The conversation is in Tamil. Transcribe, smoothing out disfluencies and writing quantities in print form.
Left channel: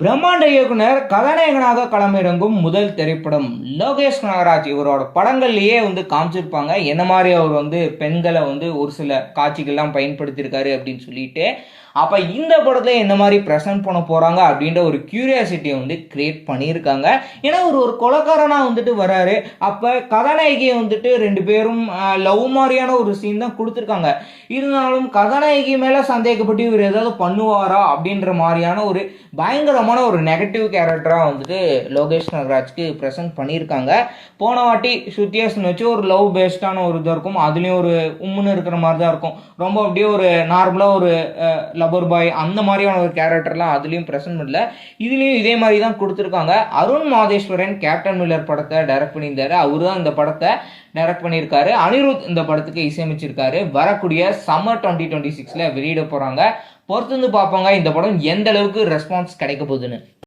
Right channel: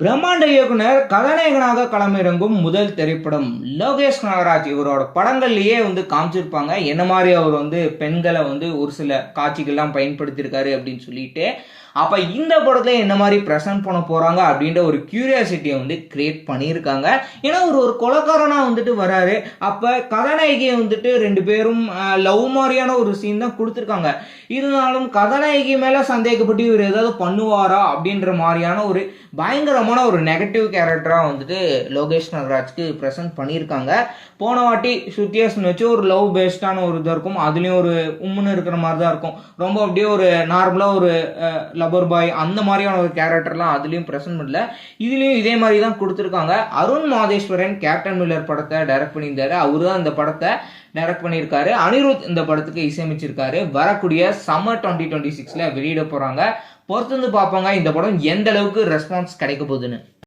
பிரம்மாண்ட இயக்குனர் கதாநாயகனாக களமிறங்கும் முதல் திரைப்படம் லோகேஷ் கனகராஜ். இவரோட படங்கள்லயே காமிச்சிருப்பாங்க என்ன மாதிரி அவர் பெண்களை ஒரு சில காட்சிகள்லாம் பயன்படுத்தியிருக்காரு அப்படின்னு சொல்லிட்டு. அப்ப இந்த படத்தை என்ன மாதிரி பிரசன்ட் பண்ண போறாங்க அப்படின்ற ஒரு கியூரியாசிட்டியை கிரியேட் பண்ணியிருக்காங்க. ஏன்னா ஒரு கொலைக்காரனா வராரு. அப்ப கதாநாயகியை ரெண்டு பேரும் லவ் மாதிரியான ஒரு சீன் தான் கொடுத்துருக்காங்க. இருந்தாலும் கதாநாயகி மேல சந்தேகப்பட்டு இவர் ஏதாவது பண்ணுவாரா அப்படின்ற மாதிரியான ஒரு பயங்கரமான ஒரு நெகட்டிவ் கேரக்டரா லோகேஷ் கனகராஜ்க்கு பிரசன்ட் பண்ணியிருக்காங்க. போன வாட்டி சுத்தியேஷன் வச்சு ஒரு லவ் பேஸ்டான ஒரு இதாக இருக்கும். அதுலயும் ஒரு உம்முன்னு இருக்கிற மாதிரி தான் இருக்கும். ரொம்ப அப்படியே ஒரு நார்மலா ஒரு லவர் பாய் அந்த மாதிரியான ஒரு கேரக்டர்லாம் அதுலயும் பிரசன்ட் பண்ணல. இதுலயும் இதே மாதிரி தான் கொடுத்துருக்காங்க. அருண் மாதேஸ்வரன் கேப்டன் மில்லர் படத்தை டைரக்ட் பண்ணியிருந்தாரு. அவரு தான் இந்த படத்தை டைரக்ட் பண்ணியிருக்காரு. அனிருத் இந்த படத்துக்கு இசையமைச்சிருக்காரு. வரக்கூடிய சம்மர் 2026 வெளியிட போறாங்க. பொறுத்து பார்ப்பாங்க இந்த படம் எந்த அளவுக்கு ரெஸ்பான்ஸ் கிடைக்க போகுதுன்னு.